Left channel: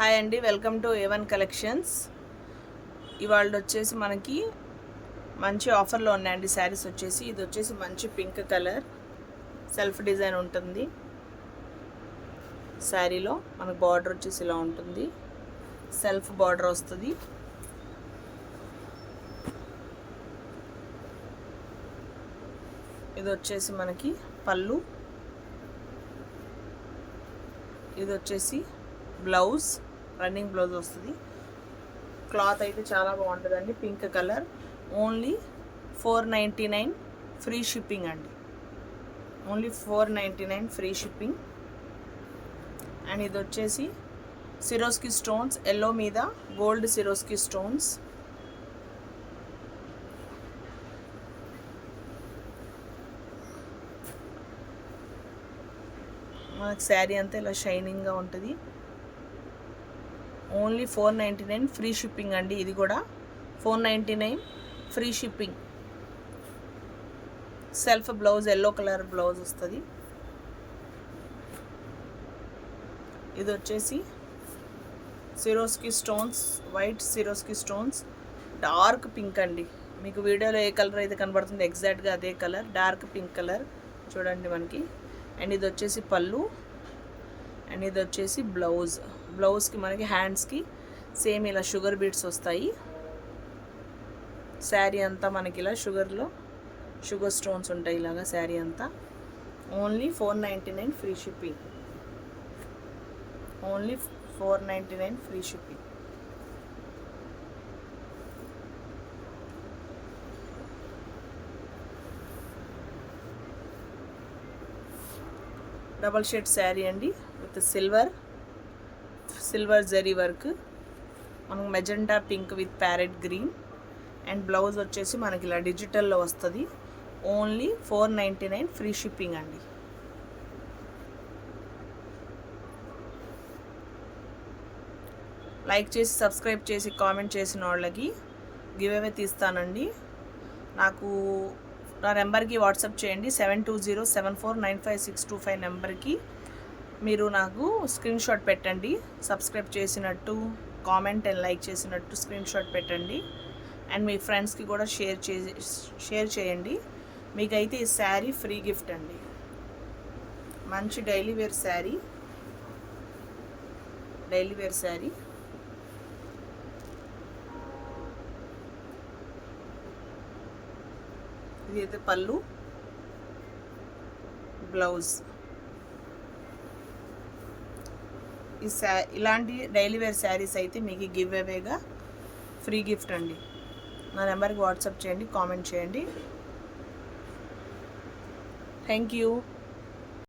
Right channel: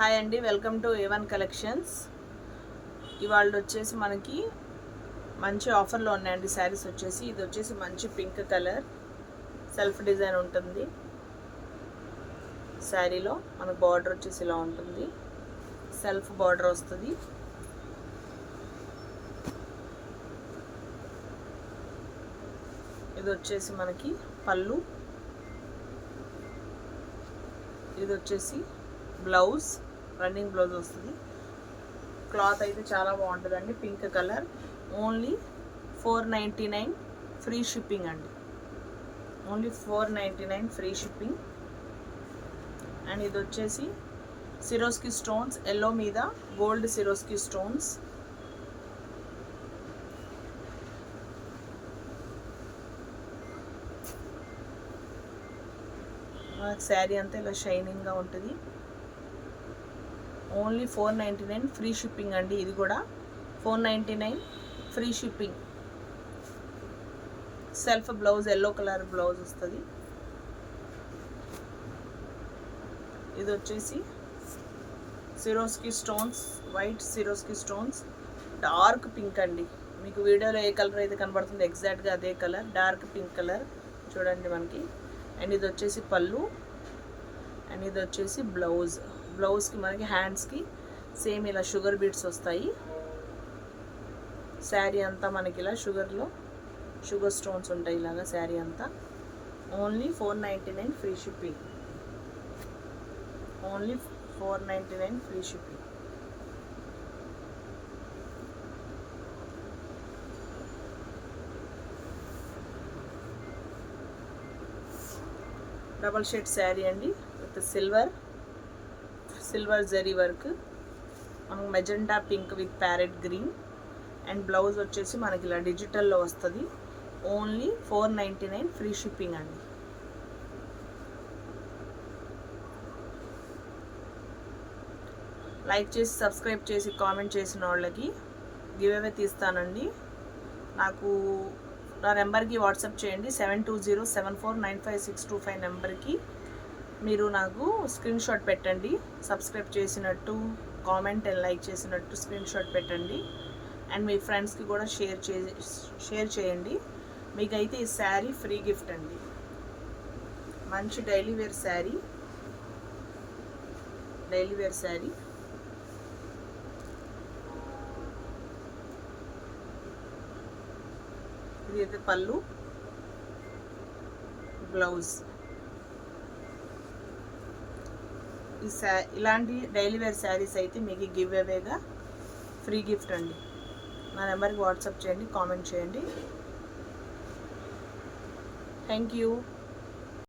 Hi అండి, welcome to A1 collections. ఇవాళ వచ్చేసి మనకి మంచి ఆఫర్లో ఉన్నాయండి శారీస్ వచ్చేసి. ఇది వచ్చేసి మంచి పింక్ కలర్ సెల్ఫ్ డిజైన్ ఉంటుంది. శారీలో మనకు బార్డర్ వచ్చేసి ఇలా ఉంటుంది, సెల్ఫ్ బార్డర్ వస్తుంది. ఇది వచ్చేసి మనకి పళ్ళు, ఇది వచ్చేసి బ్లౌజ్, రన్నింగ్ బ్లౌజ్ వస్తుంది. క్లాత్ అయితే చాలా బాగుంటుందండి. Pink colour, only 499 free shipping అండి. Only 499 free shipping. అండ్ ఇది వచ్చేసి సిరోస్కి స్టోన్స్, ఎల్లో మీద గోల్డ్ సిరోస్కి స్టోన్స్. మనకు శారీ అంతా ఇలా షైనింగ్గా ఉంటుంది. ఓన్లీ 499 ఫ్రీ షిప్పింగ్ అండి. ఇది కూడా 499 free shipping. Self blouse, yellow colour blouse వస్తుంది. ఇది వచ్చేసి Swarovski stones, white Swarovski stones, dark pink అండి. మీకు వీడియోలో ఏ కలర్ అయితే కనబడుతుంది ఎగ్జాక్ట్గా అదే కలర్, డార్క్ పింక్ కలర్ చూడండి మనకి. అండ్ ఇది వచ్చేసి పళ్ళు, అండ్ ఇది వచ్చేసి బ్లౌజ్. బ్లౌజ్కి మనకి హ్యాండ్స్కి సేమ్ ఇలా షుగర్ బీడ్స్ వస్తాయి. శారీ అంతా మనకి ఇలా షుగర్ స్టోన్స్ ఉంటాయి ఇలాగా శారీ అంతా. Only 499 free shipping. Only 499 free shipping. Double shade sari అండి విత్ సిల్వర్ జరీ వర్క్. మనకు magenta pink with parrot green. And blouse వచ్చేసి మనకి ఇలా డిజిటల్లో వస్తుంది. ఓన్లీ 499 ఫ్రీ షిప్పింగ్ అండి. లైక్ చేసి సబ్స్క్రైబ్ చేసి కామెంట్ చేసిన వాళ్ళకి గివ్ అవే తీస్తానండి. నాకు నా నెంబర్కి వాట్సాప్ చేయండి. 7207495625 నెంబర్కి మీరు నాకు స్క్రీన్ షాట్ పెట్టండి. సబ్స్క్రైబ్ చేసినట్టు, కామెంట్ అండ్ లైక్ చేసినట్టు స్క్రీన్ షాట్ పెట్టండి. అండ్ మీ ఫ్రెండ్స్కి కూడా షేర్ చేయండి. మీకైతే ఈ శారీ ఫ్రీ గిఫ్ట్ అండి. మంచి డైలీ వేర్ శారీ. ఇది అయితే పళ్ళు, బ్లౌజ్. ఇలాంటి డైలీ వేర్ శారీస్ అయితే మీకు గివ్ అవేగా ఫ్రీ గిఫ్ట్ అండి. నా నెంబర్కి వాట్సాప్ చేయండి, కామెంట్ చేయండి. Thank you.